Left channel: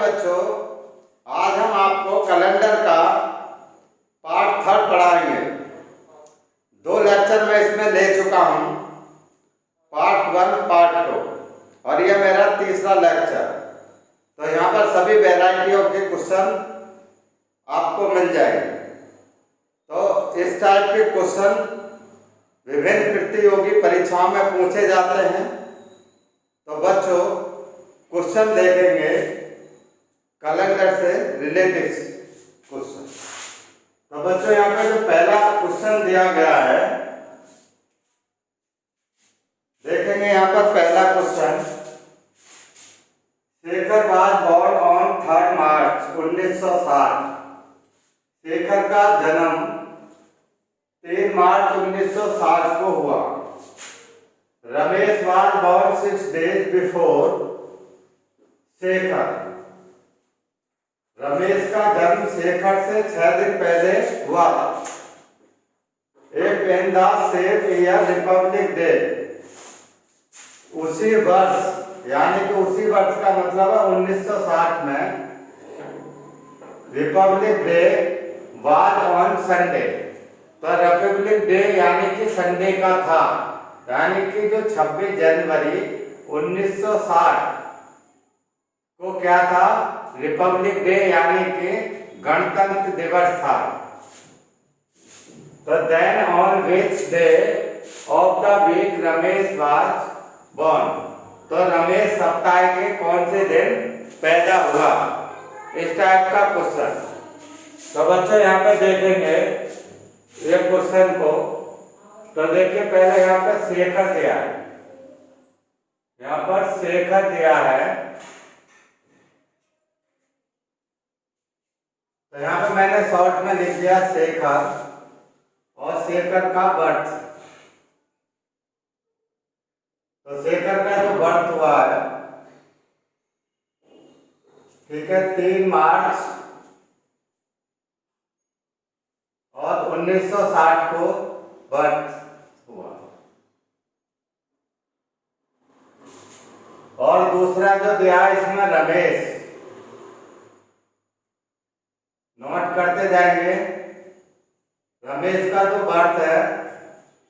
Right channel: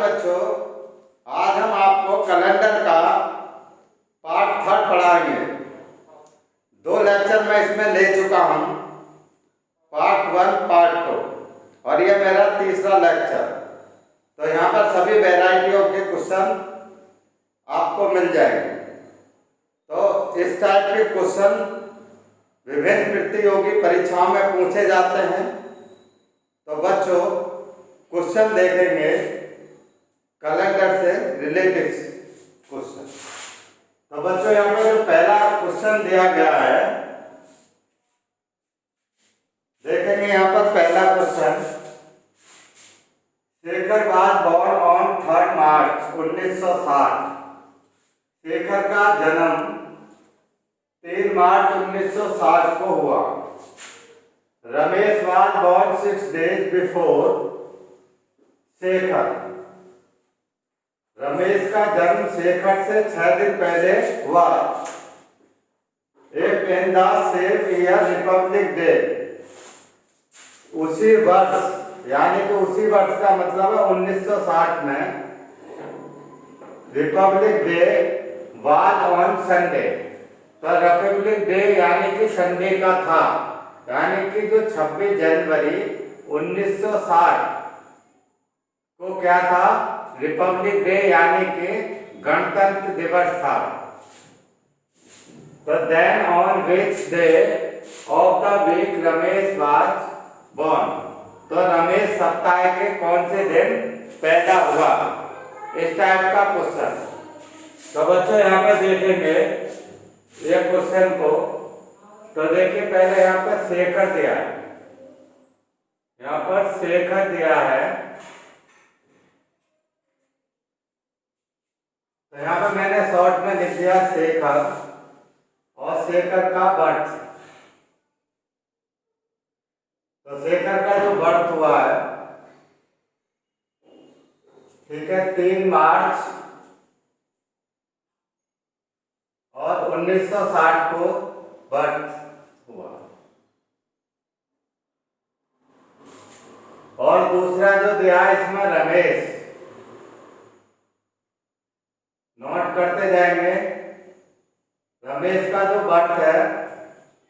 बच्चों, आज हम आपको कैलेंडर का पार्ट 3 पढ़ाएंगे। 2 लेक्चर मैं इसमें ले चुका हूँ, पार्ट 1 पार्ट 2, और यह मेरा तीसरा लेक्चर। तो यहाँ पर सभी वैरायटियों के क्वेश्चन आपको मिल जाएंगे। तो इस टाइप के क्वेश्चन विभिन्न प्रतियोगी परीक्षाओं में पूछे जाते हैं। तो बच्चों, क्वेश्चन देखेंगे कैलेंडर से रिलेटेड क्वेश्चन। तो बच्चों, यहाँ पे जो पहला क्वेश्चन दिया गया है, देखेंगे यहाँ पर पहला question. Shekhar was born on 3 मार्च 1960। शेखर का जन्म 3 मार्च 1960 को हुआ। Ramesh was born 6 days before Shekhar. Ramesh का जन्म शेखर से 6 दिन पहले हुआ। एक in the same year Republic day. उसी वर्ष, यानी कि उसी वर्ष का मतलब है 1960 में, Republic day was on Sunday. तो रिपब्लिक डे यानी कि संडे का था, यानी कि जो 26 जनवरी 1960 को क्या था, रिपब्लिक डे यानी कि गणतंत्र दिवस था। तो then on which day of the week Ramesh was born. तो रमेश सप्ताह के कौन से दिन पैदा हुआ, इस टाइप का क्वेश्चन। तो बच्चों, यहाँ पे देखेंगे ये क्वेश्चन को। तो देखिए, पहले यहाँ पर शेखर दिया है, यहाँ पर शेखर दिया है। तो यहाँ पे मैंने शॉर्ट में लिख दिया शेखर, और शेखर का बर्थ। तो शेखर का जो बर्थ हुआ है, ठीक है, 3 मार्च और 1960 को बर्थ हुआ। और दूसरा जो दिया है इसमें रमेश, नोट करते जाएंगे। रमेश का जो बर्थ है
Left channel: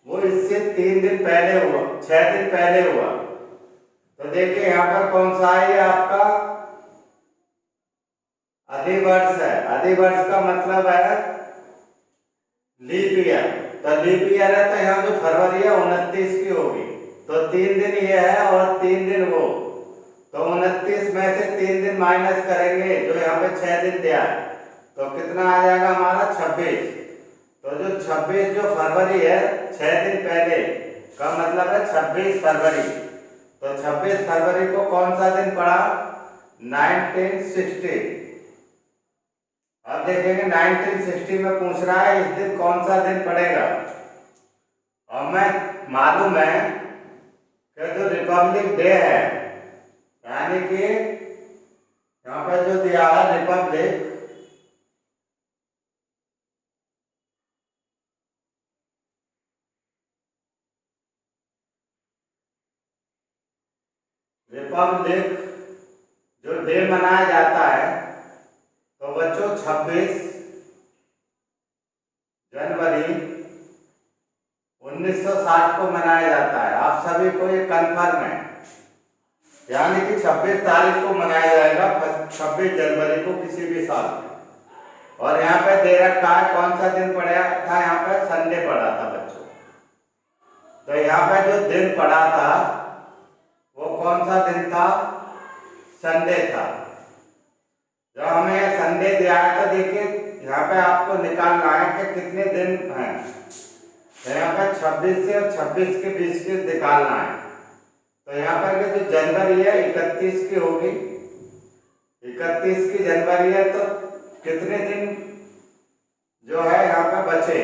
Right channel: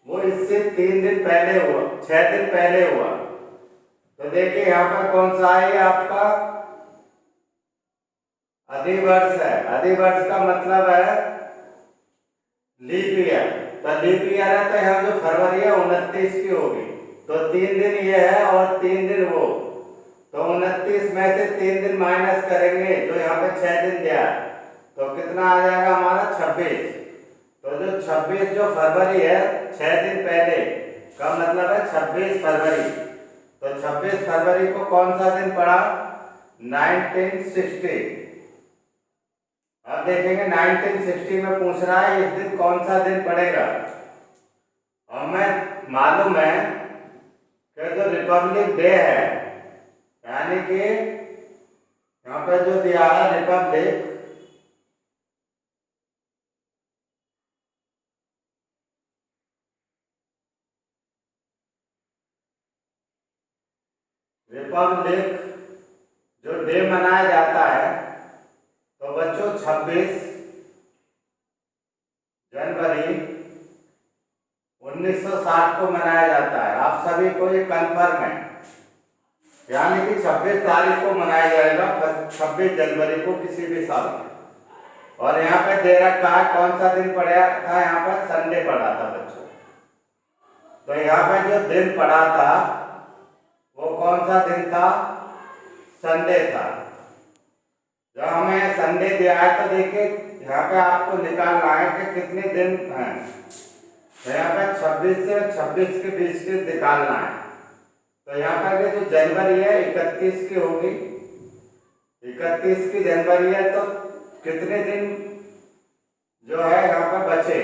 वो इससे 3 दिन पहले हुआ, 6 दिन पहले हुआ। तो देखिए यहाँ पर कौन सा है, आपका अधिवर्ष है। अधिवर्ष का मतलब है लीप ईयर। तो लीप ईयर है, तो यहाँ जो फरवरी है 29 की होगी। तो 3 दिन ये है और 3 दिन वो। तो 29 में से 3 दिन माइनस करेंगे, जो यहाँ पे 6 दिन दिया है, तो कितना आ जाएगा हमारा 26। तो जो 26 जो फरवरी है, 6 दिन पहले का मतलब है 26 फरवरी। तो 26 फरवरी को कौन सा दिन पड़ा, 1960। अब देखेंगे 1960 में पूछ रहा है, इस दिन कौन सा दिन पड़ेगा। और मैं मालूम है कि जो रिपब्लिक डे है, यानी कि यहाँ पे जो दिया है रिपब्लिक, जो डे मनाया जाता है, तो बच्चों 26 जनवरी 1960 को मनाया जाता है। आप सभी को ये कन्फर्म है, यानी कि 26 तारीख को मनाया जाएगा, 26 जनवरी को किसी भी साल में। और यहाँ पे दे रखा है कौन सा दिन पड़ा था, यहाँ पर संडे पड़ा था बच्चों। तो यहाँ पर जो दिन पड़ा था वो कौन सा दिन था, संडे था। जब हमें संडे दिया है, तो देखिए यहाँ पे आपको निकालना है कि कितने दिन हैं। तो यहाँ पे 26 से 26 के बीच के निकालना है। तो यहाँ पर जो जनवरी है 31 की होगी, 31 की जनवरी है, तो कितने दिन जो है यहाँ पे बचे,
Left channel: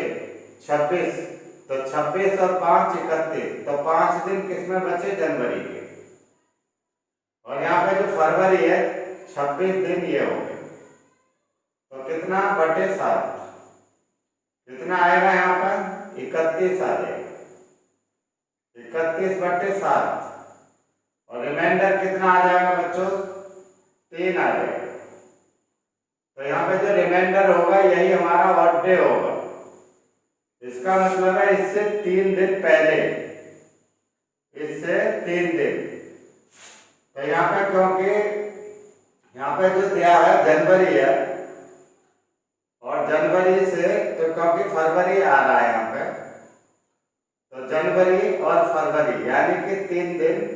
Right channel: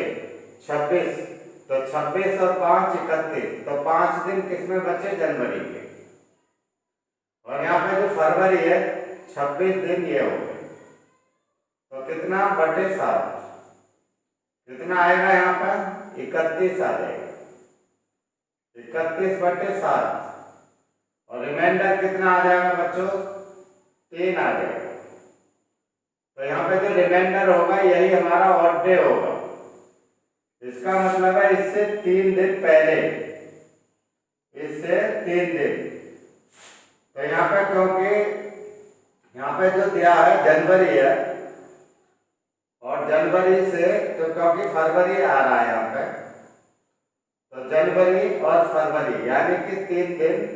26। तो 26 और 5 31, तो 5 दिन किसमें बचे, जनवरी के। और यहाँ पे जो फरवरी है 26 दिन ये हो गए। तो कितना बटे 7, कितना आएगा यहाँ पर, 31 आ जाएगा, 31 बटे 7। और रिमाइंडर कितना आ जाएगा बच्चों, 3 आ जाएगा। तो यहाँ पे जो रिमाइंडर होगा यही हमारा ऑड डे होगा। इसका मतलब है इससे 3 दिन पहले, इससे 3 दिन। तो यहाँ पे क्योंकि यहाँ पे जो दिया है जनवरी है और जनवरी से तो क्योंकि फरवरी आ रहा है यहाँ पे, तो जनवरी और फरवरी यानी कि 3 दिन।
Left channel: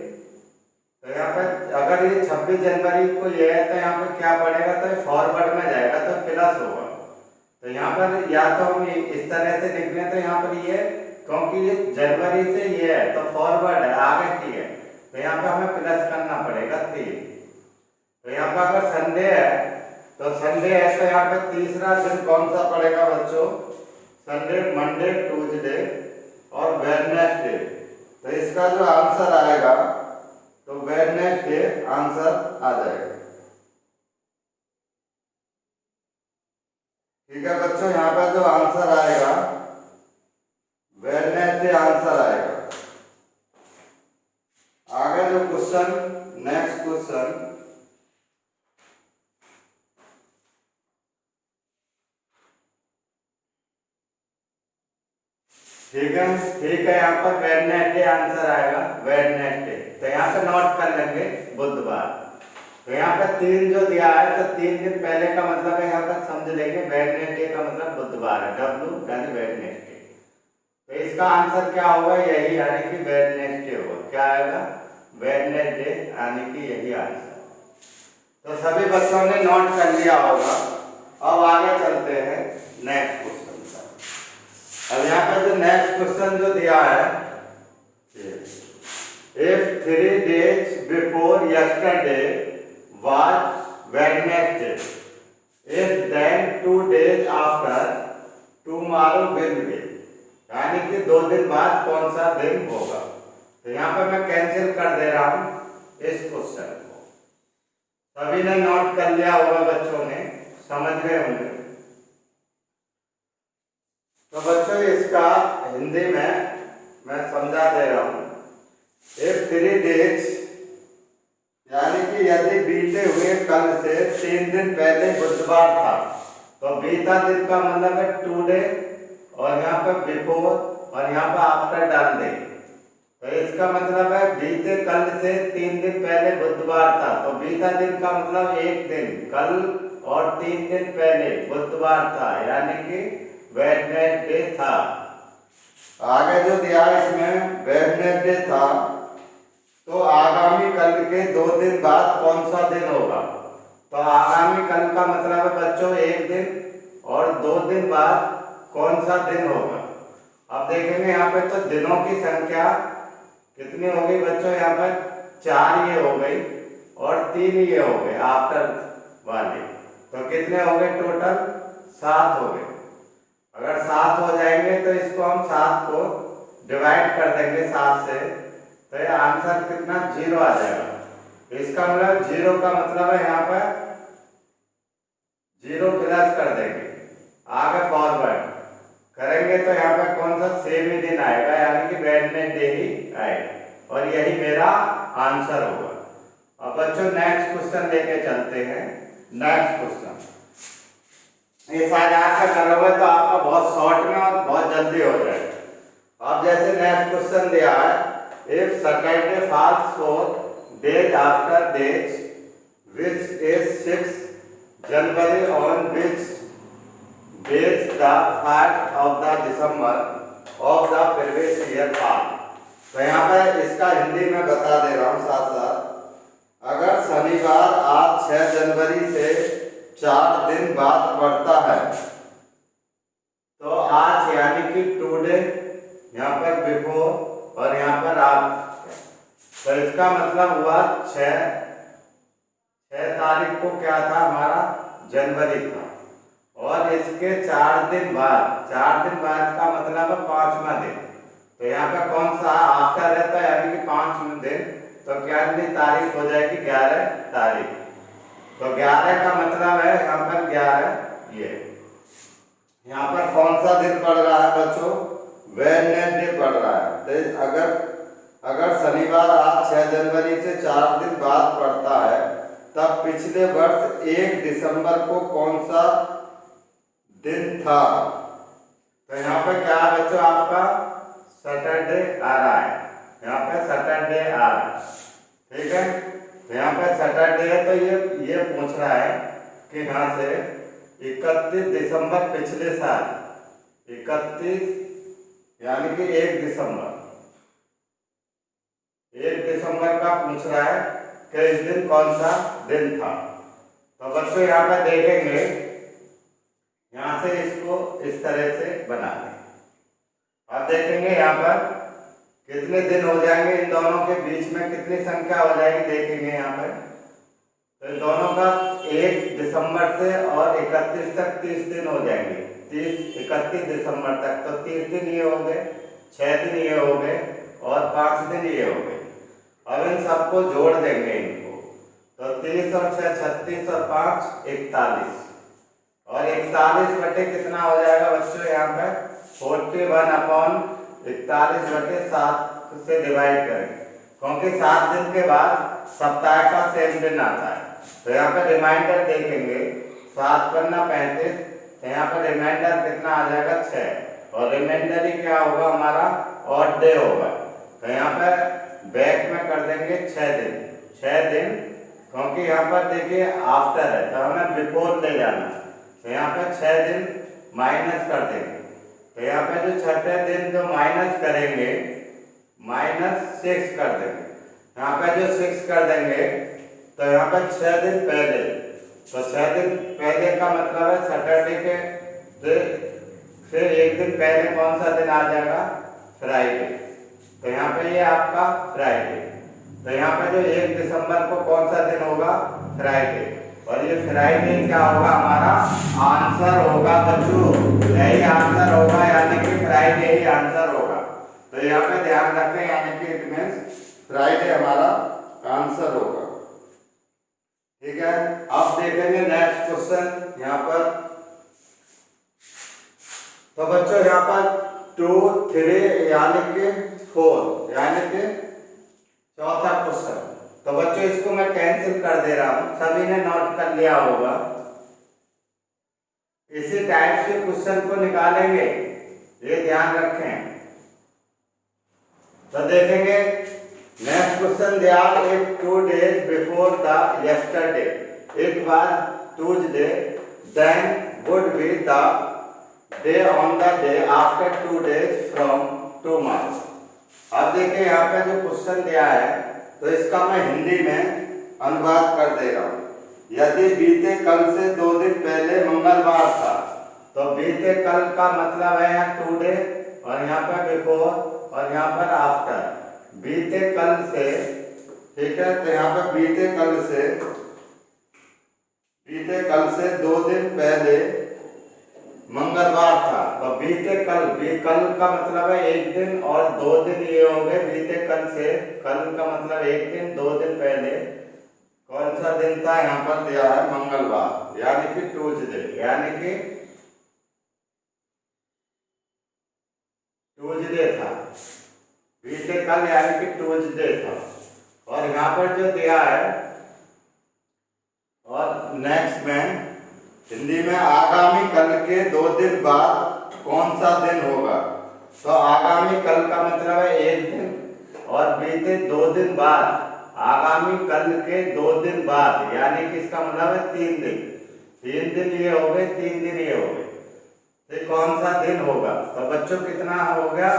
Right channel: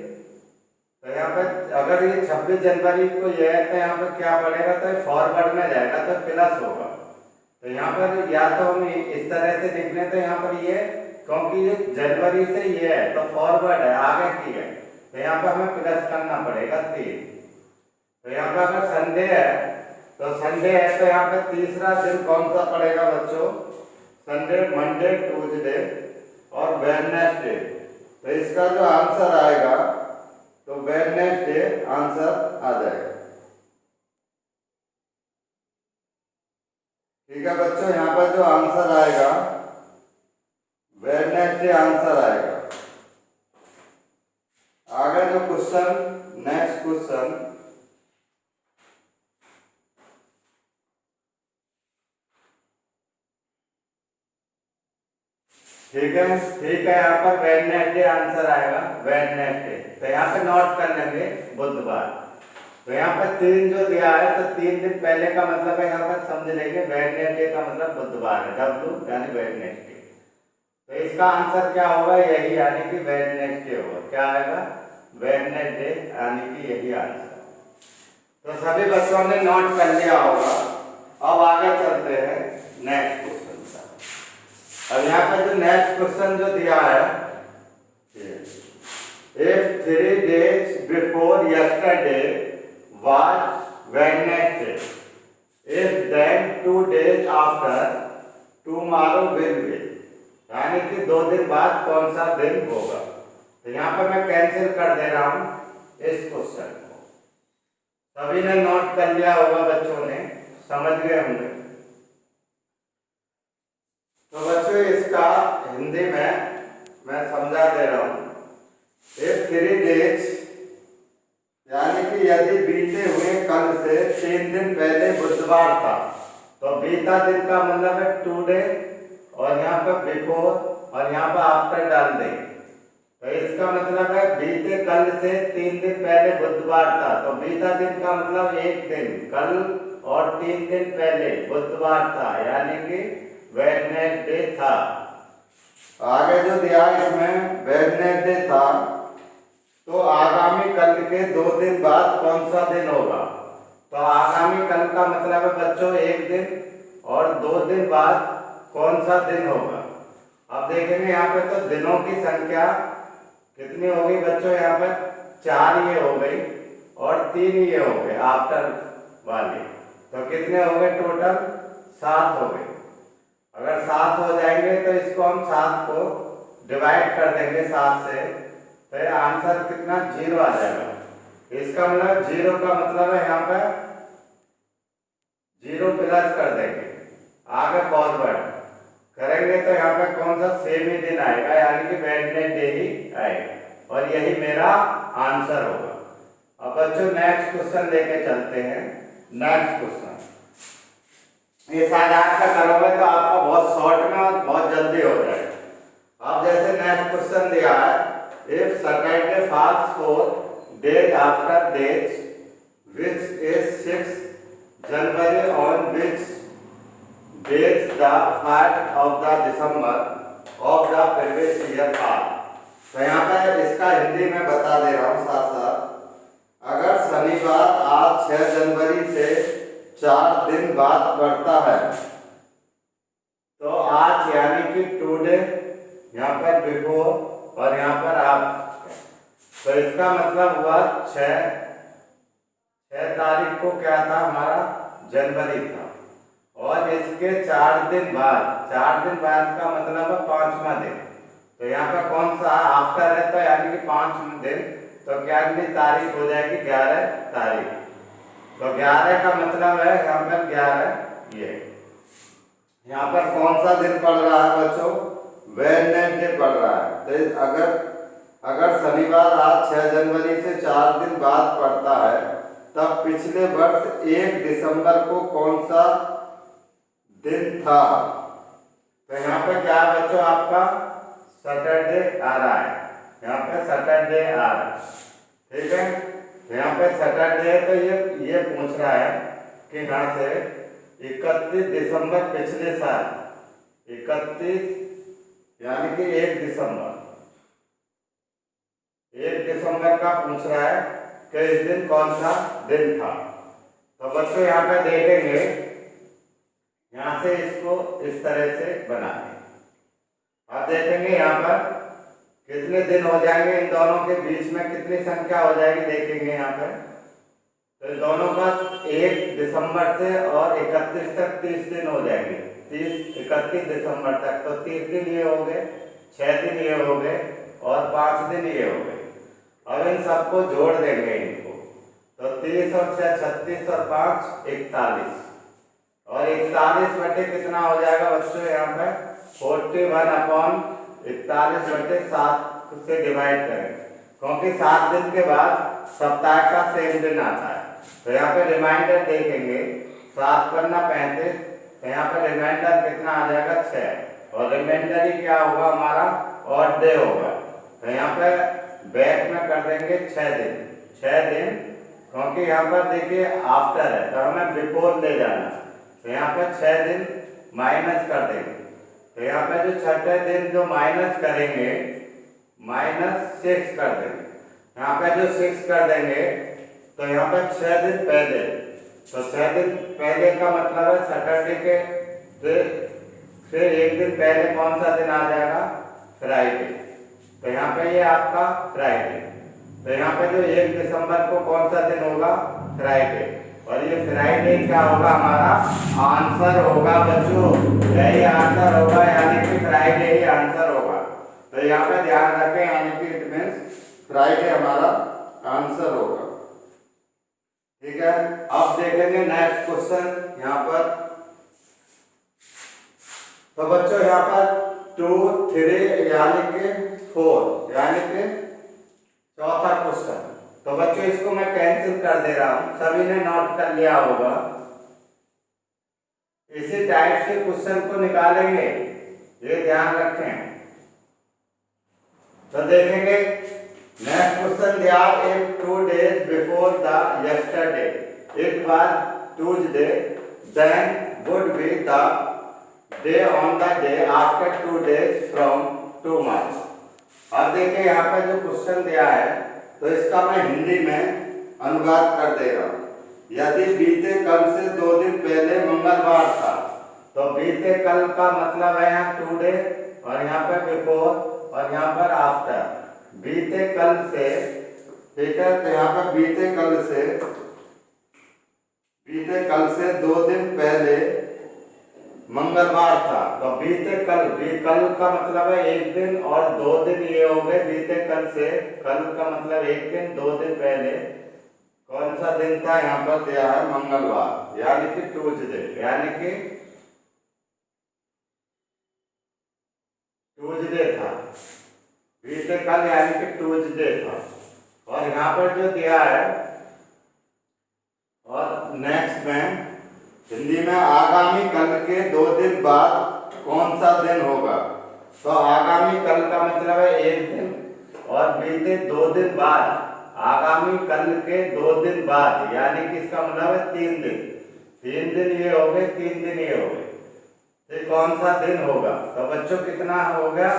तो यहाँ पे अगर ये 26 जनवरी को ये है तो यहाँ पे क्या पड़ेगा, तो ये फॉरवर्ड में जाएगा तो प्लस होगा। तो यहाँ पर या तो हम इस तरह से लिख लें, तो यहाँ पर ये क्योंकि ये जनवरी से ये है तो फॉरवर्ड है, आगे की है, तो यहाँ पे हमें प्लस करना पड़ेगा 3। तो यहाँ पे अगर संडे है तो संडे है तो यहाँ पे तीसरा दिन कौन सा पड़ेगा बच्चों, संडे, मंडे, ट्यूसडे और वेडनेसडे। तो इसका जो आंसर आएगा तो वेडनेसडे आंसर आ जाएगा। ठीक है बच्चों, यहाँ पर जो आंसर आएगा वेडनेसडे आंसर आएगा। आगे जो क्वेश्चन, नेक्स्ट क्वेश्चन, ठीक है, ठीक है, यहाँ पर वेडनेसडे आंसर आएगा, वेडनेसडे। तो यहाँ पे नोट कर लेंगे बुधवार। तो यहाँ पे 3 जो दिया है तो 3 दिन पहले का मतलब है, यहाँ पर समझ लेंगे वेडनेसडे का मतलब बुधवार है, डब्ल्यू यानी वेडनेसडे। तो इसका आंसर क्या होगा, यही यानी कि वेडनेसडे होगा। क्या आएगा, वेडनेसडे यानी कि यही आंसर। तो सभी बच्चों ने नोट कर लिया होगा। अब आगे चलते हैं नेक्स्ट क्वेश्चन पर। अब यहाँ पे जो नेक्स्ट क्वेश्चन जो दिया है, if 3 days before yesterday was Wednesday, if then 2 days after tomorrow will be, यानी कि 2 दिन बाद कौन सा दिन होगा। तो यहाँ पे मैं कैंसिल कर दे रहा हूं इस क्वेश्चन को। सभी ने नोट कर लिया होगा, बच्चों ने समझ गए होंगे। तो बच्चों इसका हिंदी में मैं समझा दे रहा हूं। if 3 days यानी कि यदि बीते हुए कल से 3 दिन पहले बुधवार था, तो बीता दिन का मतलब है टुडे और यहाँ पर बिफोर और यहाँ पर आफ्टर डाल देंगे। तो इसका मतलब है बीते कल से 3 दिन पहले बुधवार था, तो बीता दिन का मतलब एक दिन, कल और 3 दिन पहले बुधवार था यानी कि वेडनेसडे था। आगे जो दिया इसमें वेडनेसडे था, तो आगामी कल के 2 दिन बाद कौन सा दिन होगा। तो आगामी कल का मतलब है बच्चों एक दिन और 2 दिन बाद कौन सा दिन होगा। अब देखेंगे यहाँ पे तो दिनों की संख्या कितनी होगी बच्चों, यहाँ पर 4 ये हो गई और 3 ये हो गए आफ्टर वाले, तो कितने हो गए टोटल, 7 हो गए। अगर 7 हो जाएंगे तो इसको हम 7 को डिवाइड कर देंगे 7 से, तो ये आंसर कितना 0 आ जाएगा। इसका मतलब 0 का मतलब है यहाँ पर 0 प्लस कर देंगे, आगे फॉरवर्ड करेंगे तो यहाँ पर कौन सा सेम ही दिन आएगा यानी कि वेडनेसडे ही आएगा और यही मेरा आंसर होगा। अब बच्चों नेक्स्ट क्वेश्चन लेके चलते हैं। नेक्स्ट क्वेश्चन ये शायद आपका करोगे तो आपका बहुत शॉर्ट में और बहुत जल्दी हो जाएगा। अब जैसे नेक्स्ट क्वेश्चन दिया है, if Saturday falls 4 days after dates which is 6 January on which days the 1st of the December of the previous year fall। तो यहाँ पर इसका हिंदी में बता दे रहा हूँ साथ साथ। अगर शनिवार आज 6 जनवरी से 4 दिन बाद पड़ता है, तो आज यानी कि टुडे, यहाँ पर बिफोर और यहाँ पर आप, तो इसका मतलब हुआ 6 तारीख को क्या था हमारा, जनवरी था, और इसके 4 दिन बाद, 4 दिन बाद का मतलब है 5वां दिन। तो यहाँ पर कौन सा आफ्टर रहता है यानी कि 5वां दिन, तो क्या तारीख हो जाएगी 11 तारीख। तो 11 का मतलब है यहाँ पर 11 ये, यहाँ पर कौन सा दिन पड़ रहा है बच्चों, वेडनेसडे पड़ रहा है। तो अगर शनिवार आज 6 जनवरी से 4 दिन बाद पड़ता है तब पिछले वर्ष 1 दिसंबर को कौन सा दिन था। तो यहाँ पे क्या है बच्चों, आपका सैटरडे आ रहा है, यहाँ पे सैटरडे आ रहा है, ठीक है। तो यहाँ पे सैटरडे है, तो ये पूछ रहा है कि यहाँ से 31 दिसंबर पिछले साल, 31 यानी कि 1 दिसंबर, 1 दिसंबर का पूछ रहा है कि इस दिन कौन सा दिन था। तो बच्चों यहाँ पे देखेंगे, यहाँ से इसको इस तरह से बना लें। अब देखेंगे यहाँ पर कितने दिन हो जाएंगे, इन दोनों के बीच में कितनी संख्या हो जाएगी, देखेंगे यहाँ पर। तो इन दोनों का 1 दिसंबर से और 31 तक 30 दिन हो जाएंगे, 31 दिसंबर तक, तो 30 दिन ये हो गए, 6 दिन ये हो गए और 5 दिन ये हो गए। अब इन सबको जोड़ देंगे इनको, तो 30 और 6 36 और 5 41, और 41 बटे कितना हो जाएगा बच्चों, यहाँ पे 41/41/7 से डिवाइड करें, क्योंकि 7 दिन के बाद सप्ताह का सेम दिन आता है। तो यहाँ पे रिमाइंडर देखेंगे, 7 पन्ना 35, तो यहाँ पे रिमाइंडर कितना आ जाएगा 6, और रिमाइंडर ही क्या होगा हमारा, ऑड डे होगा। तो यहाँ पे बैक में कर देंगे 6 दिन, 6 दिन, क्योंकि यहाँ पर देखिए आफ्टर है, तो हमें बिफोर ले जाना। तो यहाँ पे 6 दिन माइनस कर देंगे, तो यहाँ पे जो छठे दिन जो माइनस करेंगे, -6 कर देंगे। यहाँ पे जो 6 कर देंगे, तो यहाँ पे 6 दिन पहले, तो 6 दिन पहले का मतलब है सैटरडे के से 1 दिन पहले कौन सा दिन आ जाएगा, फ्राइडे। तो यहाँ पे ये आपका फ्राइडे, तो यहाँ पे जो 1 दिसंबर को कौन सा दिन होगा, फ्राइडे, और ये फ्राइडे क्या होगा, हमारा आंसर होगा बच्चों, यही आंसर होगा, यानी कि फ्राइडे ही आंसर होगा। तो यहाँ पे ध्यान रखें, यानी कि इट मीन्स फ्राइडे हमारा आंसर होगा, ठीक है। अब देखेंगे नेक्स्ट क्वेश्चन यहाँ पर। तो बच्चों यहाँ पर 2 3 यानी कि 4, यानी कि चौथा क्वेश्चन। तो बच्चों इसको मैं कैंसिल कर दे रहा हूं, सभी ने नोट कर लिया होगा। इसी टाइप से क्वेश्चन को निकालेंगे, ये ध्यान रखें। तो देखेंगे next question, they are 2 days before the yesterday, it was Tuesday, then would be the day on the day after 2 days from tomorrow. अब देखिए यहाँ पे जो क्वेश्चन दिया है, तो इसका मैं हिंदी में अनुवाद कर दे रहा हूँ। यदि बीते कल से 2 दिन पहले मंगलवार था, तो बीते कल का मतलब है यहाँ 2 डे, और यहाँ पर बिफोर, और यहाँ पर आफ्टर। बीते कल से, ठीक है, तो यहाँ पर बीते कल से 2 दिन पहले मंगलवार था, तो बीते कल, कल का मतलब है 1 दिन और 2 दिन ये हो गए। बीते कल से, कल का मतलब 1 दिन, 2 दिन पहले कौन सा दिन था, यहाँ पर दिया है मंगलवार, यानी कि ट्यूसडे, यानी कि ट्यूसडे था, बीते कल यानी कि ट्यूसडे था। और यहाँ पर जो दिया है, और नेक्स्ट में हिंदी में आगामी कल के 2 दिन बाद कौन सा दिन होगा। तो आगामी कल का मतलब है 1 दिन, और बीते 2 दिन बाद, आगामी कल के 2 दिन बाद, यानी कि इसका मतलब है 3 दिन, 3 दिन ये हो गए, 3 दिन ये हो गए, तो कौन सा दिन होगा। तो बच्चों कितना हो गया,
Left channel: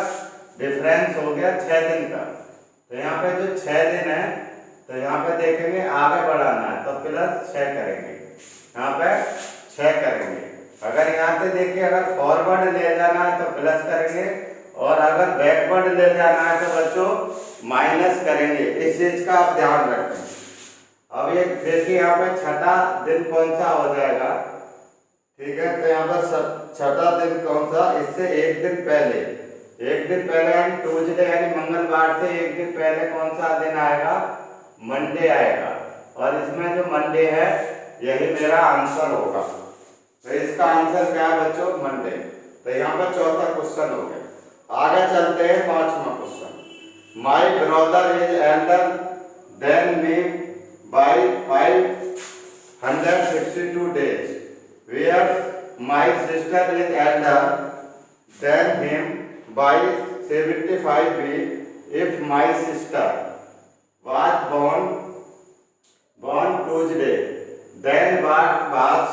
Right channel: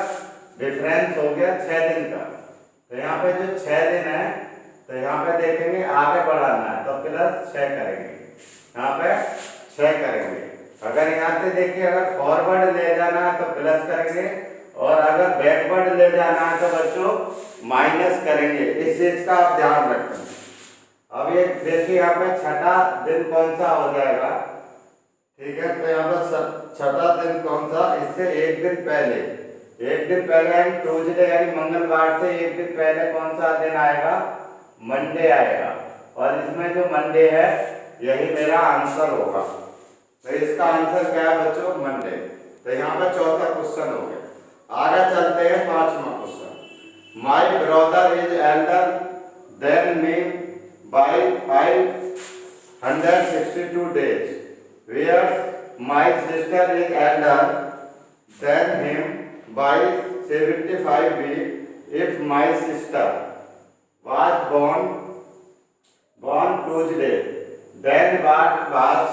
डिफरेंस हो गया 6 दिन का। तो यहाँ पे जो 6 दिन है, तो यहाँ पे देखेंगे आगे बढ़ाना है, तो +6 करेंगे, यहाँ पे 6 करेंगे। अगर यहाँ से देखिए, अगर फॉरवर्ड ले जाना है तो प्लस करेंगे, और अगर बैकवर्ड ले जाना है तो बच्चों माइनस करेंगे। इस चीज का आप ध्यान रखें। अब ये देखिए यहाँ पे छठा दिन कौन सा हो जाएगा, ठीक है। तो यहाँ पर छठा दिन कौन सा, इससे 1 दिन पहले, 1 दिन पहले यानी ट्यूसडे, यानी मंगलवार से 1 दिन पहले कौन सा दिन आएगा, मंडे आएगा। और इसमें जो मंडे है, यही मेरा आंसर होगा। तो इसका आंसर क्या है बच्चों, मंडे। तो यहाँ पर चौथा क्वेश्चन हो गया। आगे चलते हैं 5वां question. My brother is elder than me by 562 days, whereas my sister is elder than him by 75 weeks. If my sister was born Tuesday, then what was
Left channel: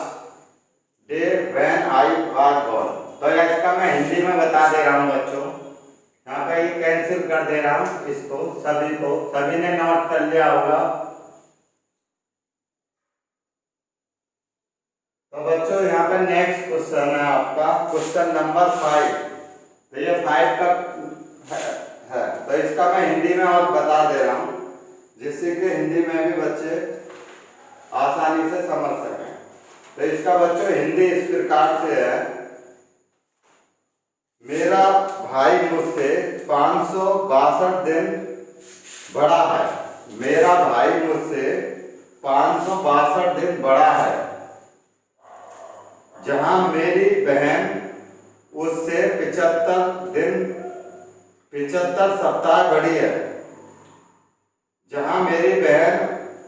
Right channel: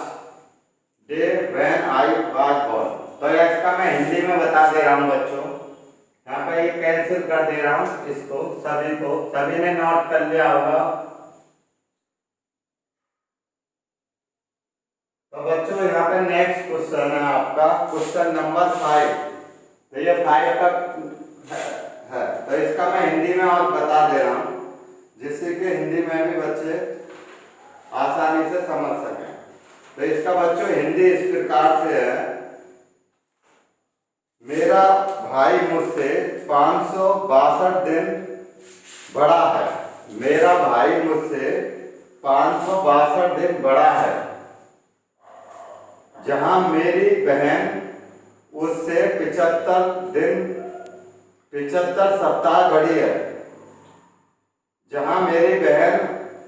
day when I was born? तो इसका मैं हिंदी में बता दे रहा हूँ बच्चों। यहाँ पे ये कैंसिल कर दे रहा हूँ इसको, सभी ने नोट कर लिया होगा। तो बच्चों यहाँ पे नेक्स्ट क्वेश्चन है आपका क्वेश्चन नंबर 5। तो ये 5 का है, तो इसका मैं हिंदी में और बता दे रहा हूँ जिससे कि हिंदी में भी बच्चे आसानी से समझ सकें। तो इसका बच्चों हिंदी इस प्रकार से है, मेरा भाई मुझसे 562 दिन बड़ा है। मेरा भाई मुझसे 562 दिन बड़ा है, जहां मेरी बहन उससे 75 सप्ताह बड़ी है। जहां मेरी बहन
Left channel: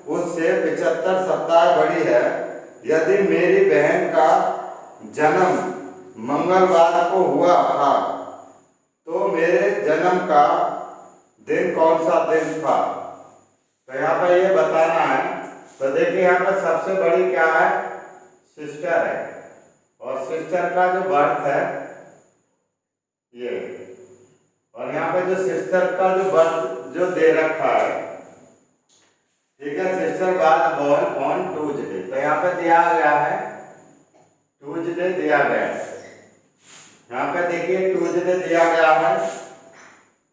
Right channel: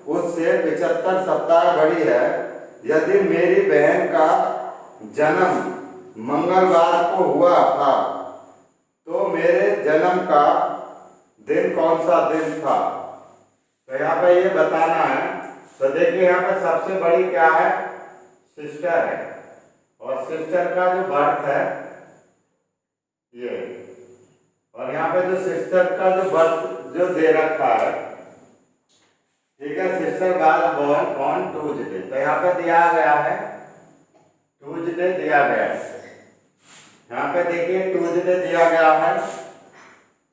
उससे 75 सप्ताह बड़ी है, यदि मेरी बहन का जन्म मंगलवार को हुआ था तो मेरे जन्म का दिन कौन सा दिन था? तो यहाँ पर ये बताना है। तो देखिए यहाँ पर सबसे बड़ी क्या है? सिस्टर है, और सिस्टर का जो बर्थ है ये, और यहाँ पे जो सिस्टर का जो बर्थ जो दे रखा है, ठीक है, sister was born on Tuesday. तो यहाँ पे दिया गया है ट्यूसडे दिया गया है। यहाँ पे देखिए ट्यूसडे दिया गया है,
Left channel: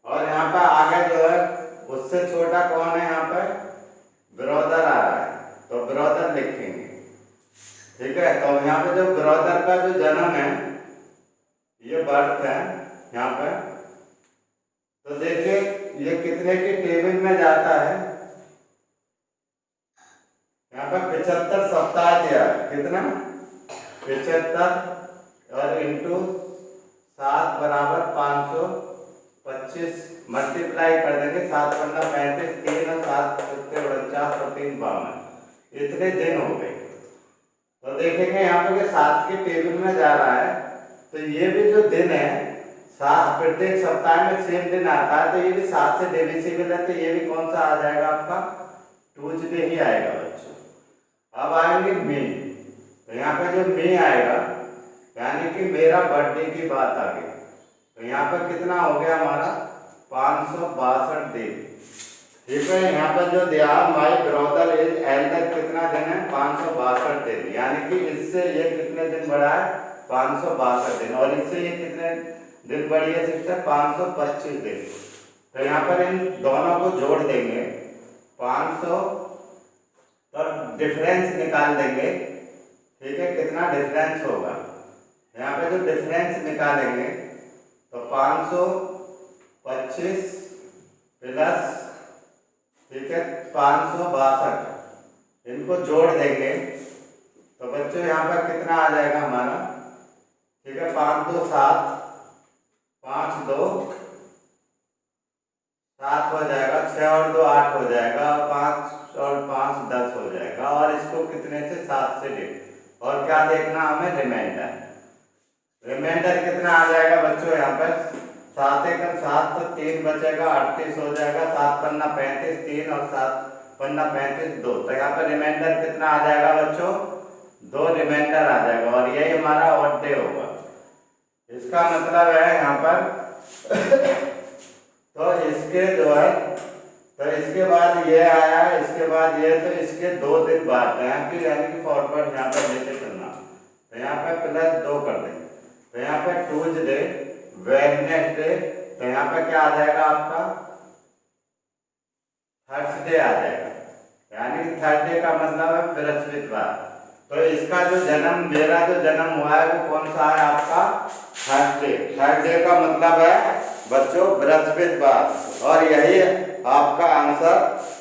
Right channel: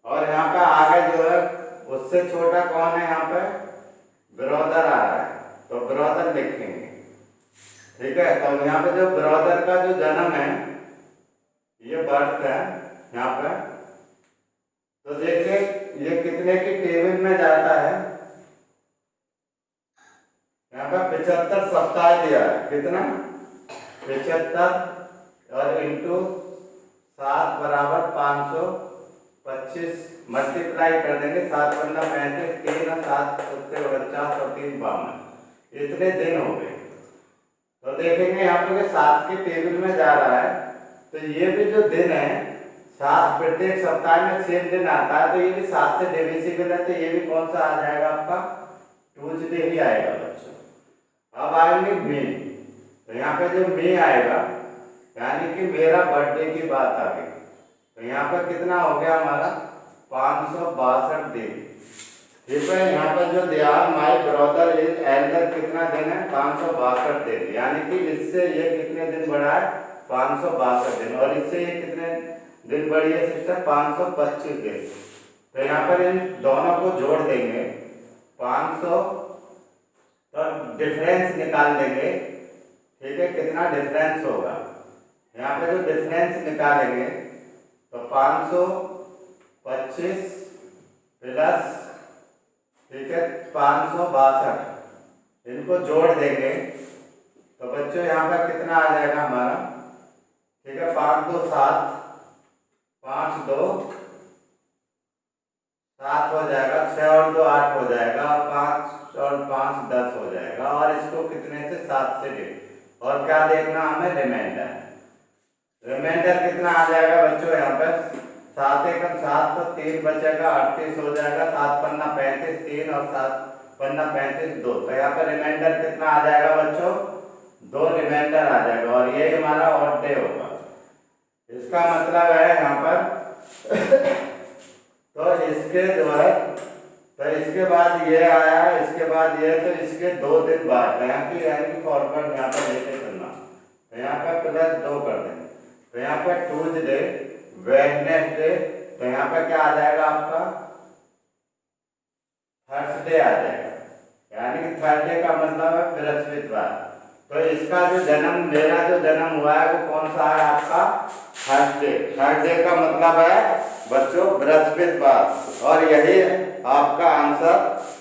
और यहाँ पे आगे जो है उससे छोटा कौन है? यहाँ पे ब्रदर आ रहा है, तो ब्रदर लिखेंगे। ठीक है, तो यहाँ पे जो ब्रदर का जो जन्म है, ये बर्थ है यहाँ पे। तो देखिए ये कितने की टेबल में जाता है? यहाँ पे 75 सप्ताह दिया है। कितना? 75 और इंटू 7 बराबर 525 मल्टीप्लाई कर देंगे। 7 पन्ना 35, 3 और 7 सत्ते 49 और 3 52, इतने दिन हो गए। तो देखेंगे यहाँ पे 7 के टेबल में जा रहा है, तो ये भी जो दिन है 7 प्रत्येक सप्ताह में सेम दिन आता है, तो ये भी 7 से डिविजिबल है, तो ये भी कौन सा आ जाएगा? आपका ट्यूसडे ही आएगा बच्चों। अब आएंगे मे। तो यहाँ पे जो मे आएगा यानी कि मेरा बर्थडे की बात आ गई। तो यहाँ पे कितना हो गया हमारा? 562 दिन। ठीक है, यहाँ पर जो दिया माय ब्रदर इज एल्डर कितना दिन है? 562 दिन। यानी कि इससे ये कितने दिन बढ़ा है? 562 दिन। और इससे ये कितने दिन बढ़ी है सिस्टर? 525 दिन। तो यहाँ पर इन दोनों को जोड़ देंगे 500, तो डिफरेंस निकाल देंगे। ठीक है, कितना डिफरेंस होगा? यहाँ पे जो डिफरेंस निकालेंगे तो 525 प्लस, ठीक है, 562, इनको जोड़ देंगे तो बच्चों यहाँ पर कितना आ जाएगा हमारा? ठीक है, 5 2 7, 5 2 7 हो जाएगा, 6 और 2 8 हो जाएगा, 5 और 5 10 हो जाएगा। और इसको कितने से? 7 से डिवाइड। और क्या देखना हमें? रिमाइंडर। रिमाइंडर कितना आ जाएगा बच्चों? यहाँ पर 7 एकम 7, तो 3 बचेगा, 38 हो जाएगा। 7 पन्ना 35, 3 और 7 पन्ना 35 2। तो यहाँ पर रिमाइंडर कितना आ जाएगा बच्चों? 2 रिमाइंडर आ जाएगा, और यही हमारा ऑड डे होगा। इसका मतलब है यहाँ पर तो इसके जो है, तो इसके बाद ये आया है, इसके बाद ये, तो इसके 2 दिन बाद यहाँ की यानी कि फॉरवर्ड यहाँ पर लेके चलना। तो यहाँ पर +2 कर देंगे। तो यहाँ पर ट्यूसडे, वेडनेसडे, तो यहाँ पर क्या आ जाएगा आपका? थर्सडे आ जाएगा। यानी कि थर्सडे का मतलब है बृहस्पतिवार। तो इसका जो जन्म, मेरा जो जन्म हुआ है वो कौन सा है आपका? थर्सडे। थर्सडे का मतलब है बच्चों बृहस्पतिवार, और यही आपका आंसर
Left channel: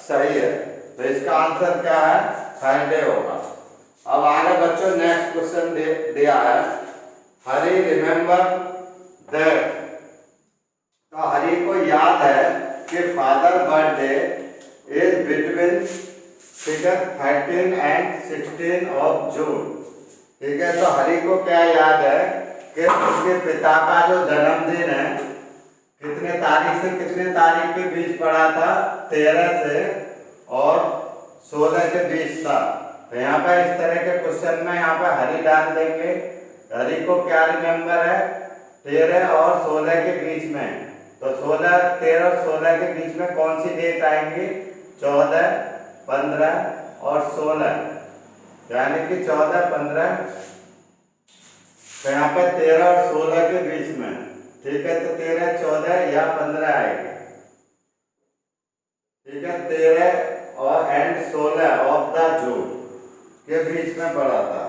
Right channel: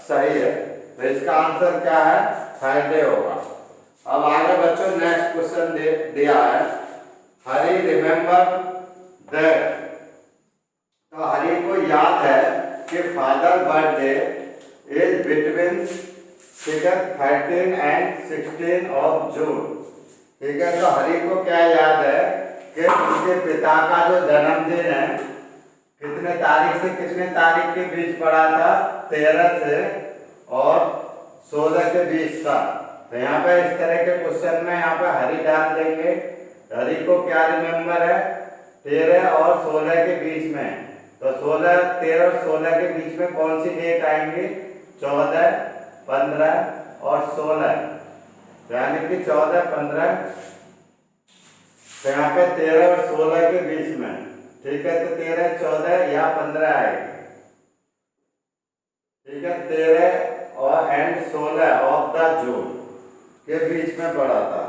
सही है। तो इसका आंसर क्या है? थर्सडे होगा। अब आगे बच्चों नेक्स्ट क्वेश्चन दिया है, हरी रिमेम्बर दैट। तो हरी को याद है कि फादर बर्थडे इज बिटवीन ठीक है, 13 एंड 16 ऑफ जून। ठीक है, तो हरि को क्या याद है कि उसके पिता का जो जन्मदिन है कितने तारीख से कितने तारीख के बीच पड़ा था, 13 से और 16 के बीच था। तो यहाँ पर इस तरह के क्वेश्चन में यहाँ पर हरि डाल देंगे। हरि को क्या रिमेम्बर है, 13 और 16 के बीच में। तो 16, 13 और 16 के बीच में कौन सी डेट आएंगी, 14, 15 और 16, यानी कि 14, 15। तो यहाँ पे 13 और 16 के बीच में। ठीक है, तो 13, 14 या 15 आएगी। ठीक है, 13 और एंड 16 ऑफ द जून के बीच में पड़ा था।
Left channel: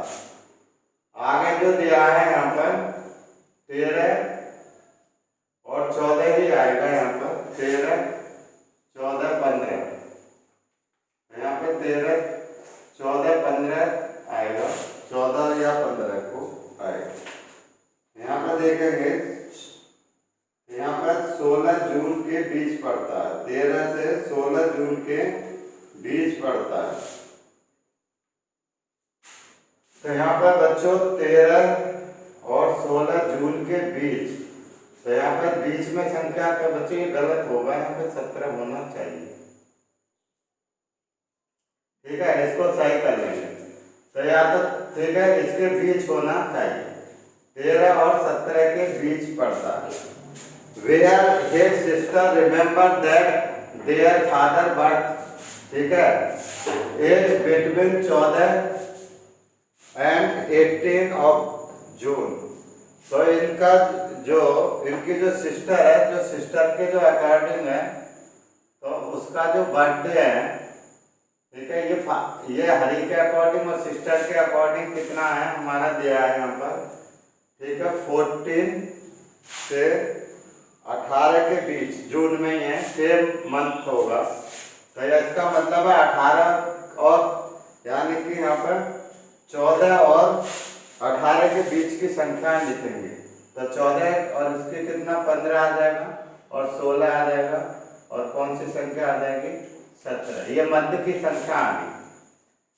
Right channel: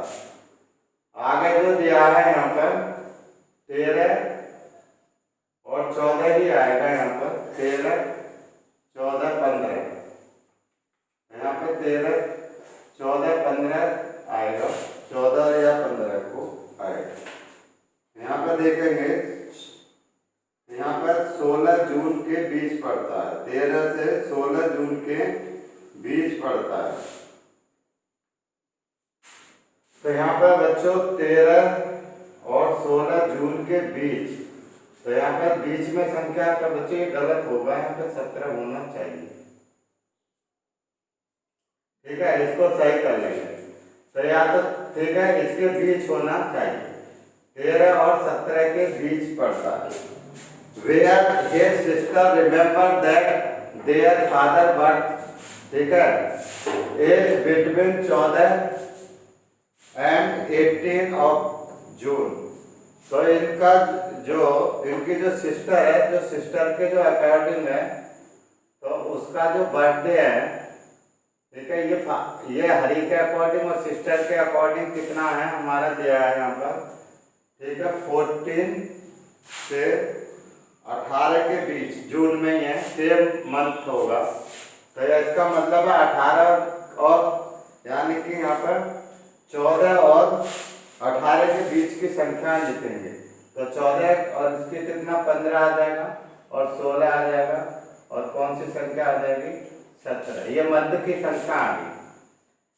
आगे जो दिया है यहाँ पर 13 और 14 ही आएगा। यहाँ पर 13, 14, 15, यहाँ पे 13, 14, 15 आएगा, 14 या 15 को आएगा। यहाँ पर देखेंगे, यहाँ पर 16 जून के बीच पड़ता है, 13 से 16 जून के बीच पड़ता है। तो यहाँ पर बच्चों 13 और 16 जून के बीच, तो यहाँ पर बीच में संख्या का बच्चों ये गलत होगा, यहाँ पे 17 होना चाहिए। ठीक है, इसको सही कर लेंगे। तो या तो ठीक है, इसके बीच होना चाहिए, 13 और 17 के बीच पड़ता है। Where his sister remember that their father birth, ठीक है, as between 14 and 18 of June. तो इनका जो इनकी जो सिस्टर है, जो सिस्टर के जो अकॉर्डिंग है, तो उसका जो बर्थडे है, ठीक है, ये हरि के अकॉर्डिंग और सिस्टर के अकॉर्डिंग कितना है हमारा दिया है यहाँ पर। ठीक है, 14 से 18 के बीच जून में ये सेम मंथ होगा। तो इसका मतलब है 18 और यानी कि यहाँ पर 14 और 18 के बीच की संख्या लिखेंगे। तो 14 और इसके कितना 15 आ जाएगा और 16 आ जाएगा और कौन सी संख्या आ जाएगी 17। ये मध्य की संख्या आ गई,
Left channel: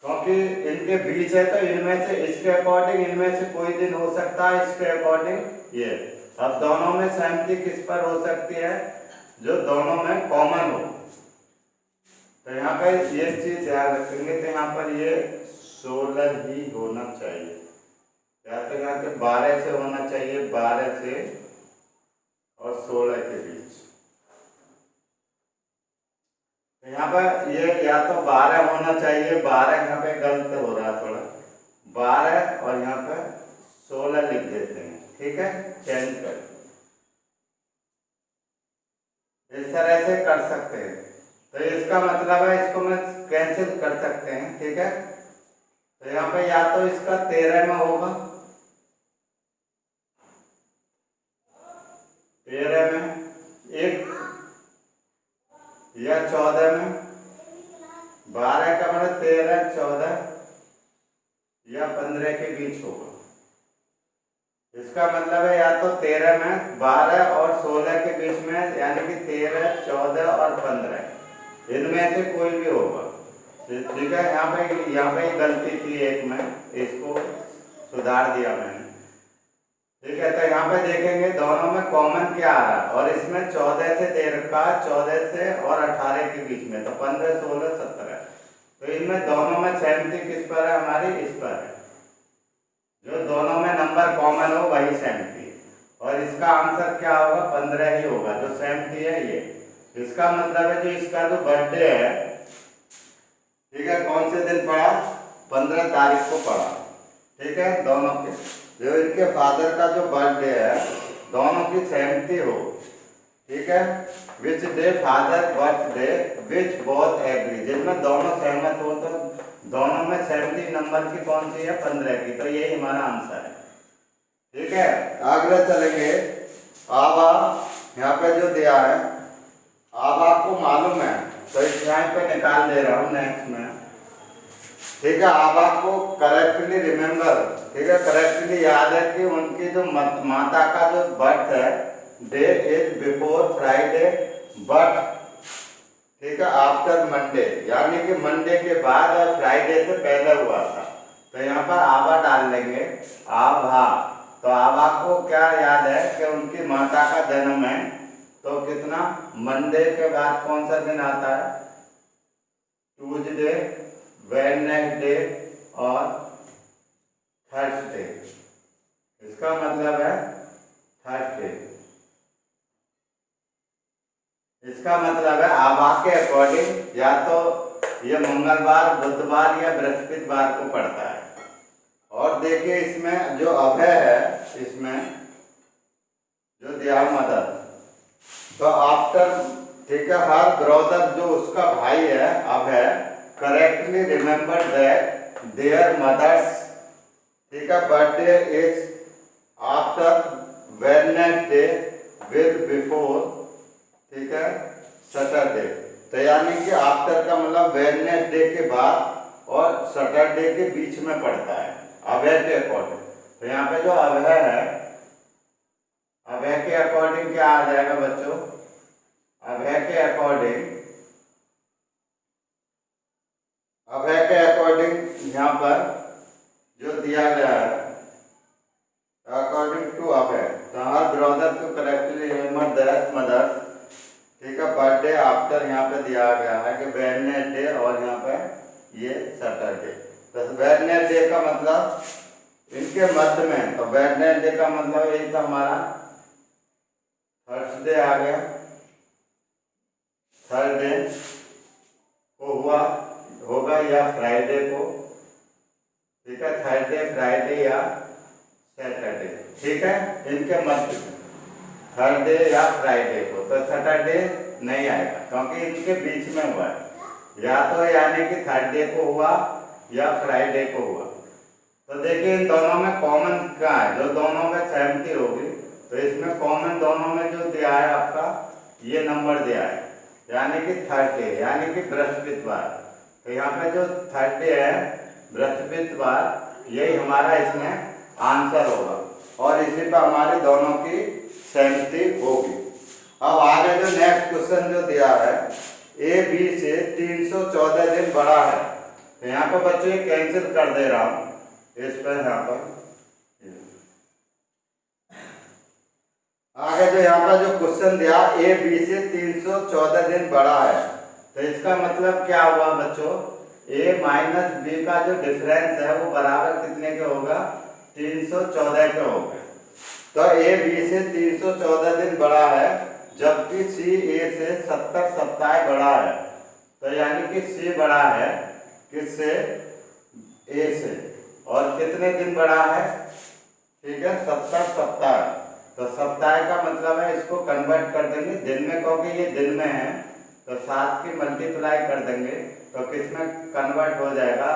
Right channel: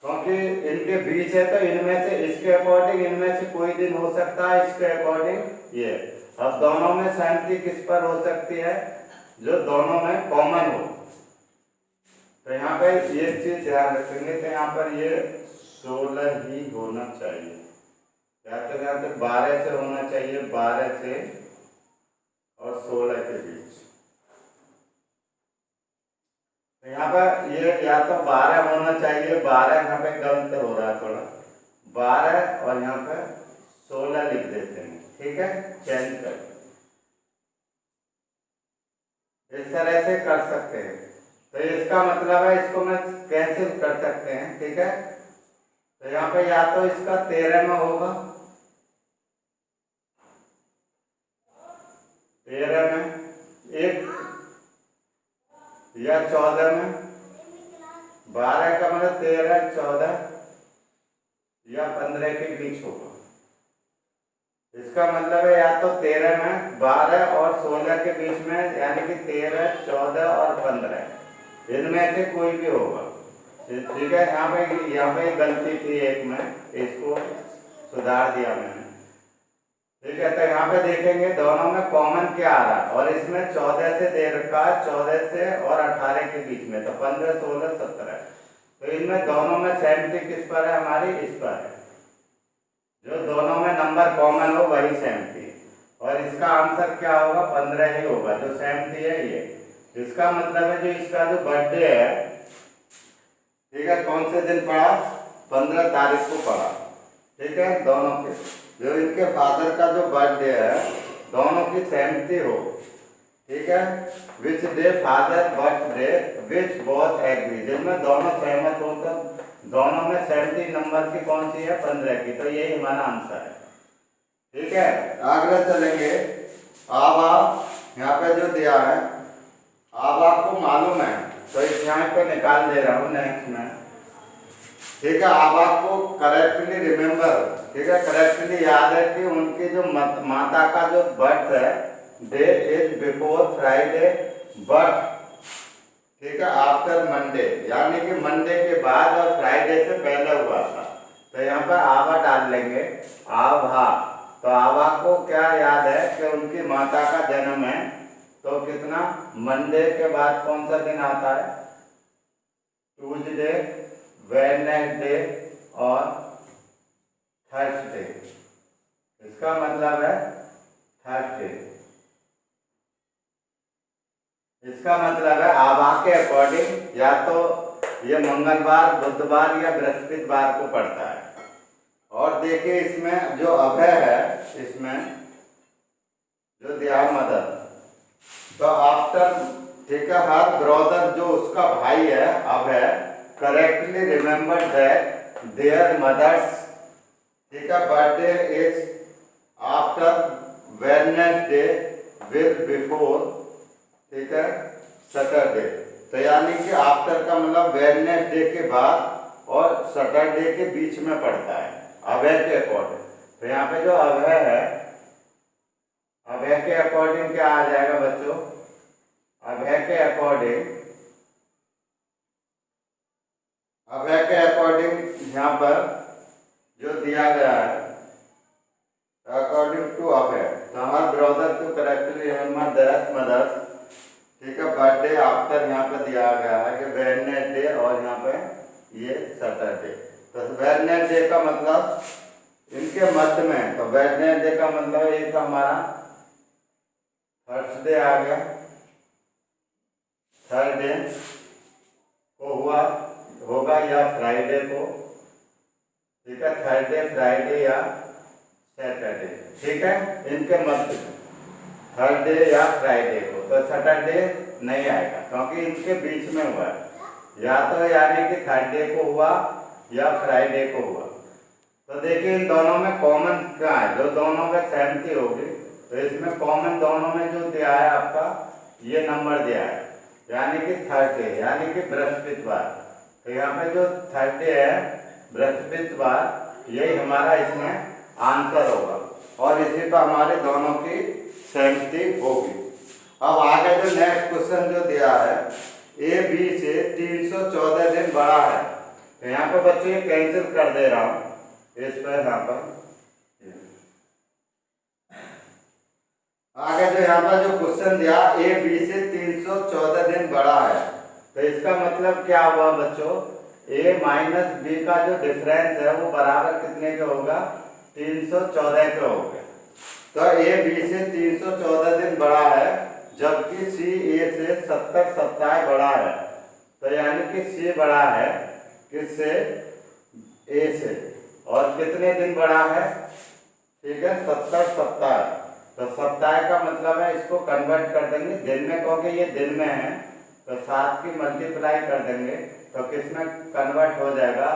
क्योंकि इनके बीच है तो इनमें से इसके अकॉर्डिंग इनमें से कोई दिन हो सकता है, इसके अकॉर्डिंग ये। अब दोनों में सहमति किस पर हो सकती है, जो दोनों में कॉमन हो। तो यहाँ पर ये चीज ध्यान रखेंगे। तो यहाँ पर ये 16 ही होना चाहिए, या तो यहाँ पे 12 से होना चाहिए, 12 से और 16 के बीच। तो यहाँ पर ये या तो 12 होना चाहिए, 12 यहाँ पे गलत हो रहा है थोड़ा, 12 और यहाँ पे 16 लिख देते हैं। ठीक है, चेंज कर इस तरह से कर सकते हैं। तो इसका मतलब है इसको मैं कैंसिल कर सकते हैं। ठीक है, तो यहाँ पे या तो इसका 13 में होगा, 13 में एक, या 14 में, 12 का मतलब 13, 14 या 15 के बीच होगा। इसका मतलब है या तो 13 में, 12 और 16 के बीच में, यानी कि 13, 14 और 15 इनमें से कोई भी होगा। ठीक है, यहाँ पे गलती थी एक में, इसको सुधार दिया मैंने। ठीक है, तो यहाँ पे देखेंगे दोनों में कॉमन क्या आ रहा है, और इसमें 14 से 13 का 14 से और 18 के बीच में, तो 15, 16, 17। तो इनमें दोनों में सहमति किस पर है हमारी, इस पर है। जो दोनों में नंबर कॉमन हो वही सहमति, और इसका आंसर क्या होगा, 15 ही होगा, जो सहमति है ये। इसका मतलब है जो इसका जो बर्थडे है, ठीक है, कौन से दिन पड़ा, 15 तारीख को पड़ा। ठीक है, दोनों के जो इनके फादर का जो बर्थडे है, दोनों की सहमति हो। ठीक है, which day father birthday which both agree, जिनमें दोनों सहमत हो, तो दोनों में सहमति नंबर की कौन सी है, 15 की। तो यही हमारा आंसर है। ठीक है, आगे चलेंगे। आबा यहाँ पे जो दिया है, आबा को मालूम है, तो इस यहाँ पे निकाल दे रहा हूँ नेक्स्ट में। ठीक है, आबा को करेक्टली रिमेम्बर, ठीक है, करेक्टली याद है कि उनकी जो माता का जो बर्थ है, day is before Friday, but ठीक है, आफ्टर मंडे, यानी कि मंडे के बाद और फ्राइडे से पहले हुआ था। तो यहाँ पर आभा डाल लेंगे, आभा। तो आभा को क्या याद है कि उनकी माता का जन्म है, तो कितना, मंडे के बाद कौन सा दिन आता है, ट्यूसडे, वेडनेसडे और थर्सडे। इसका मतलब है थर्सडे। इसका मतलब है आभा के अकॉर्डिंग या तो ये मंगलवार, बुधवार या बृहस्पतिवार को पड़ता है। और देखिए इसमें जो अभय है, इसमें जो दिया मदर, तो आफ्टर, ठीक है, हर ब्रदर जो उसका भाई है Abhay correctly remember that their mother's, ठीक है, birthday is after Wednesday with before, ठीक है, सैटरडे। तो यानी कि आफ्टर का मतलब वेडनेसडे के बाद और सैटरडे के बीच में पड़ता है अभय के अकॉर्डिंग। तो यहाँ पे जो अभय है, अभय के अकॉर्डिंग क्या आ जाएगा बच्चों, अभय के अकॉर्डिंग, अभय के अकॉर्डिंग यहाँ पर जो दिया गया है अकॉर्डिंग टू अभय, तो हमारे ब्रदर को करेक्टली रिमेम्बर दैट मदर्स, ठीक है, बर्थडे आफ्टर यहाँ पे दिया गया है कि वेडनेसडे और यहाँ पे ये सैटरडे। तो वेडनेसडे का मतलब इनके मध्य में, तो वेडनेसडे का मतलब ये तो हमारा थर्सडे आ गया, थर्सडे को हुआ होगा या फ्राइडे को, ठीक है, थर्सडे, फ्राइडे या सैटरडे, ठीक है, इनके मध्य में थर्सडे या फ्राइडे को। तो सैटरडे नहीं आएगा क्योंकि इनके बीच में हुआ है, या तो यानी कि थर्सडे को हुआ या फ्राइडे को हुआ। तो देखिए इन दोनों में कॉमन क्या है, जो दोनों में सहमति होगी, तो इसमें कॉमन दोनों में जो दिया है आपका ये नंबर दिया है, यानी कि थर्सडे, यानी कि बृहस्पतिवार। तो यहाँ पे जो थर्सडे है बृहस्पतिवार, यही हमारा इसमें आंसर होगा और इसी पर हमारे दोनों की सहमति होगी। अब आगे जो नेक्स्ट क्वेश्चन जो दिया है, ए बी से 314 दिन बड़ा है। तो यहाँ पे बच्चों ये कैंसिल कर दे रहा हूँ, इस पर यहाँ पर आगे जो यहाँ पर जो क्वेश्चन दिया ए बी से 314 दिन बड़ा है, तो इसका मतलब क्या हुआ बच्चों, ए माइनस बी का जो डिफरेंस है वो बराबर कितने के होगा, 314 के होगा। तो ए बी से 314 दिन बड़ा है, जबकि सी ए से 70 सप्ताह बड़ा है। तो यानी कि सी बड़ा है किससे, ए से, और कितने दिन बड़ा है, ठीक है, 70 सप्ताह। तो सप्ताह का मतलब है, इसको कन्वर्ट कर देंगे दिन में, क्योंकि ये दिन में है तो 7 की मल्टीप्लाई कर देंगे तो किस में कन्वर्ट हो जाएगा,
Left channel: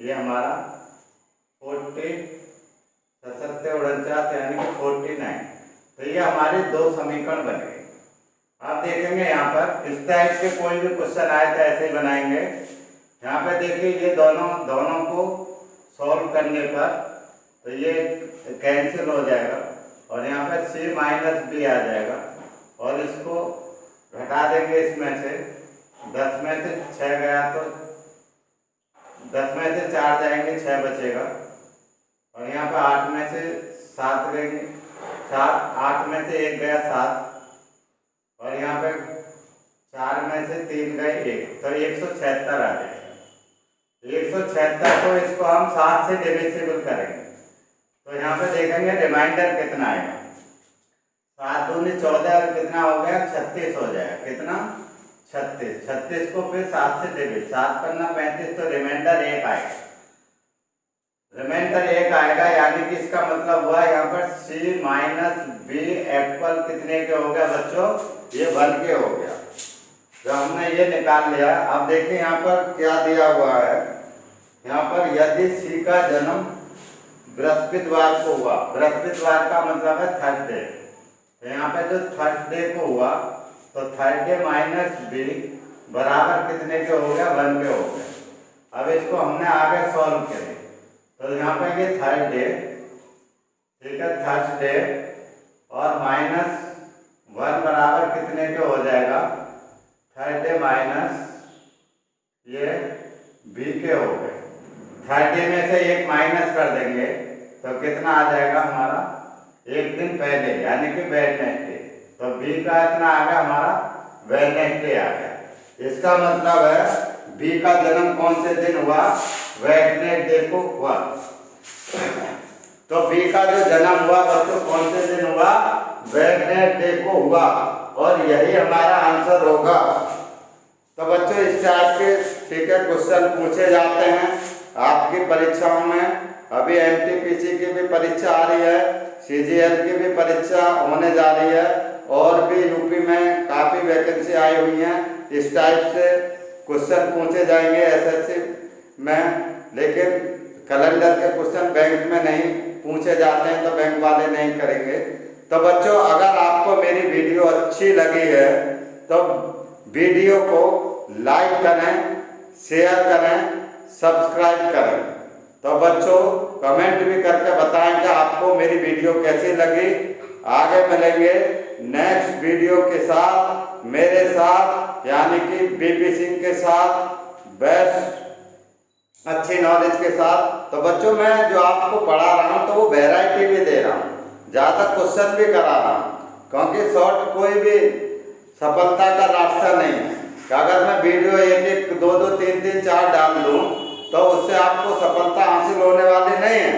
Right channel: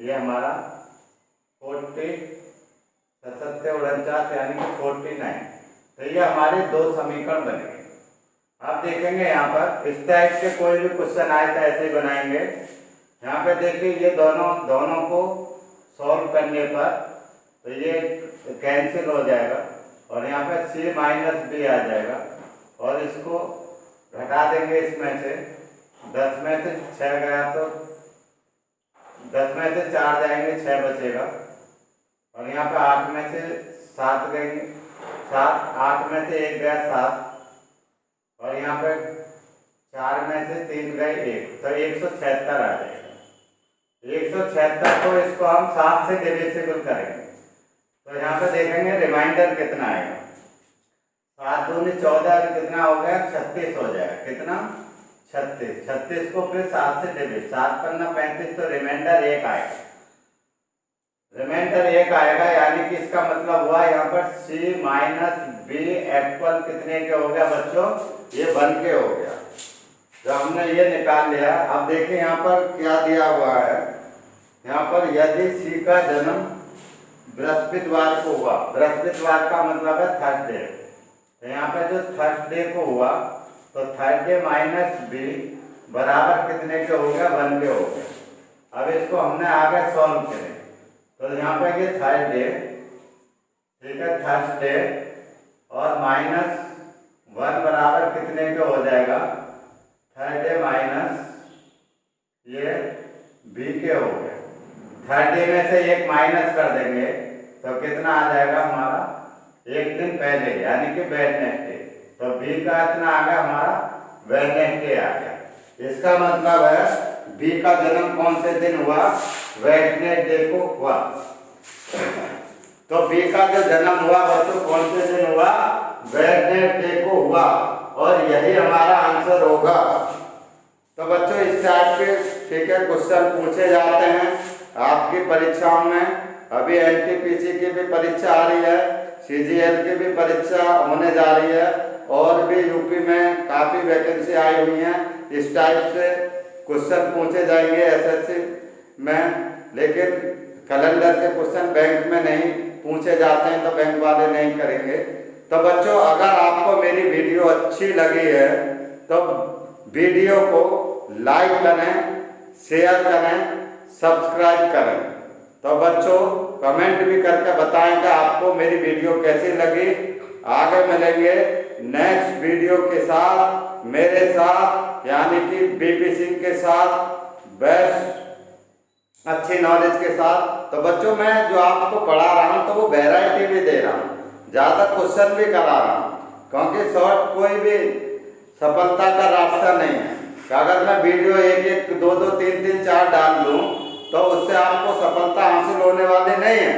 ये हमारा 40 749 यानी कि 49। तो ये हमारे दो समीकरण बनेंगे। आप देखेंगे यहाँ पर इस टाइप के कोई भी क्वेश्चन आए तो ऐसे ही बनाएंगे। यहाँ पे देखिए ये दोनों को सॉल्व करने पर तो ये कैंसिल हो जाएगा और यहाँ पे सी माइनस बी आ जाएगा और इसको घटा देंगे इसमें से, 10 में से 6 गया तो 10 में से 4 जाएंगे, 6 बचेगा और यहाँ पे 8 में से 7 गएंगे, 8 में से 1 गया 7 और यहाँ पे 4 में से 3 गए 1, तो 176 आ जाएगा। 176 को इसको हम 7 से डिविजिबल करेंगे तो यहाँ पे देखेंगे रिमाइंडर कितना आएगा, 7 दूनी 14 कितना हो गया, 36 हो जाएगा, कितना 36। 36 को फिर 7 से डिविज, 7 पन्ना 35, तो रिमाइंडर 1 आएगा, रिमाइंडर 1 आएगा। यानी कि इसका मतलब हुआ यहाँ पर सी माइनस बी इक्वल कितने के हो गया बच्चों, ये 1 के हो गया। तो हमने ये निकाल लिया। अब देखिए यहाँ पर क्या दिया हुआ है, यहाँ पर यदि सी का जन्म बृहस्पतिवार को हुआ, बृहस्पतिवार का मतलब है थर्सडे, तो यहाँ पे जो थर्सडे को हुआ तो थर्सडे माइनस बी बराबर कितने के हो गया, 1 के हो गया। अब इसको हमने आगे सॉल्व करें तो यहाँ पे ये थर्सडे, ठीक है, थर्सडे और -1 बराबर कितने के हो जाएगा, 30 माइनस ये बी के हो गए। 30 में से एक माइनस कर देंगे तो कितना आ जाएगा हमारा, एक दिन पहले यानी कि वेडनेसडे। तो बी का इतना आ गया हमारा वेडनेसडे आ गया। इसका मतलब है बी का जन्म कौन से दिन हुआ, वेडनेसडे को हुआ। तो बी का जो जन्म हुआ बच्चों कौन से दिन हुआ, वेडनेसडे को हुआ, और यही हमारा आंसर होगा। तो बच्चों इस टाइप के ठीक है क्वेश्चन पूछे जाते हैं आपकी परीक्षाओं में। अभी एनटीपीसी की भी परीक्षा आ रही है, सीजीएल की भी परीक्षा होने जा रही है, और भी यूपी में काफ़ी वैकेंसी आई हुई हैं। इस टाइप से क्वेश्चन पूछे जाएंगे एसएससी में, लेकिन कैलेंडर के क्वेश्चन बैंक में नहीं पूछे जाते हैं, तो बैंक वाले नहीं करेंगे। तो बच्चों अगर आपको मेरी वीडियो अच्छी लगी है तो वीडियो को लाइक करें, शेयर करें, सब्सक्राइब करें। तो बच्चों कमेंट भी करके बताएं कि आपको मेरी वीडियो कैसी लगी। आगे मिलेंगे नेक्स्ट वीडियो के साथ, मेरे साथ यानी कि बीपी सिंह के साथ, बेस्ट अच्छी नॉलेज के साथ। तो बच्चों मैं जो आपको पढ़ा रहा हूँ तो वो वैरायटी भी दे रहा हूँ, ज़्यादा क्वेश्चन भी करा रहा हूँ, क्योंकि शॉर्ट कोई भी सफलता का रास्ता नहीं है। कि अगर मैं वीडियो एक एक दो दो तीन तीन चार डाल दूँ तो उससे आपको सफलता हासिल होने वाली नहीं है,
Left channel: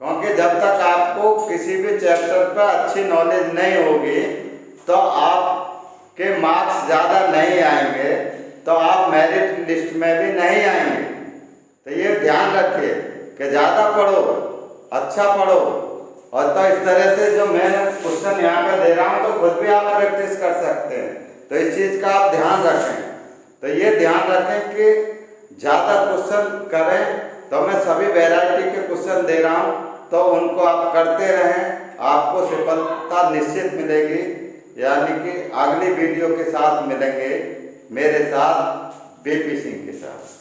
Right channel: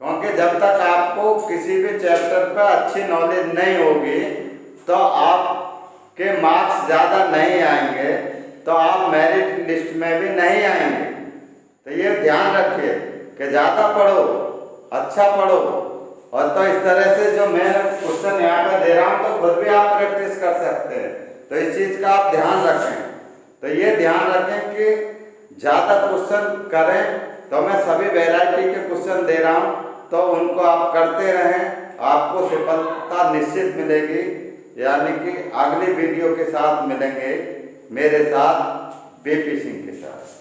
क्योंकि जब तक आपको किसी भी चैप्टर पर अच्छी नॉलेज नहीं होगी तो आपके मार्क्स ज़्यादा नहीं आएंगे, तो आप मेरिट लिस्ट में भी नहीं आएंगे। तो ये ध्यान रखिए कि ज़्यादा पढ़ो, अच्छा पढ़ो। और तो इस तरह से जो मैं क्वेश्चन यहाँ पर दे रहा हूँ तो खुद भी आप प्रैक्टिस कर सकते हैं। तो इस चीज़ का आप ध्यान रखें। तो ये ध्यान रखें कि ज़्यादा क्वेश्चन करें। तो मैं सभी वैरायटी के क्वेश्चन दे रहा हूँ, तो उनको आप करते रहें, आपको सफलता निश्चित मिलेगी। यानी कि अगली वीडियो के साथ मिलेंगे मेरे साथ बीपी सिंह के साथ।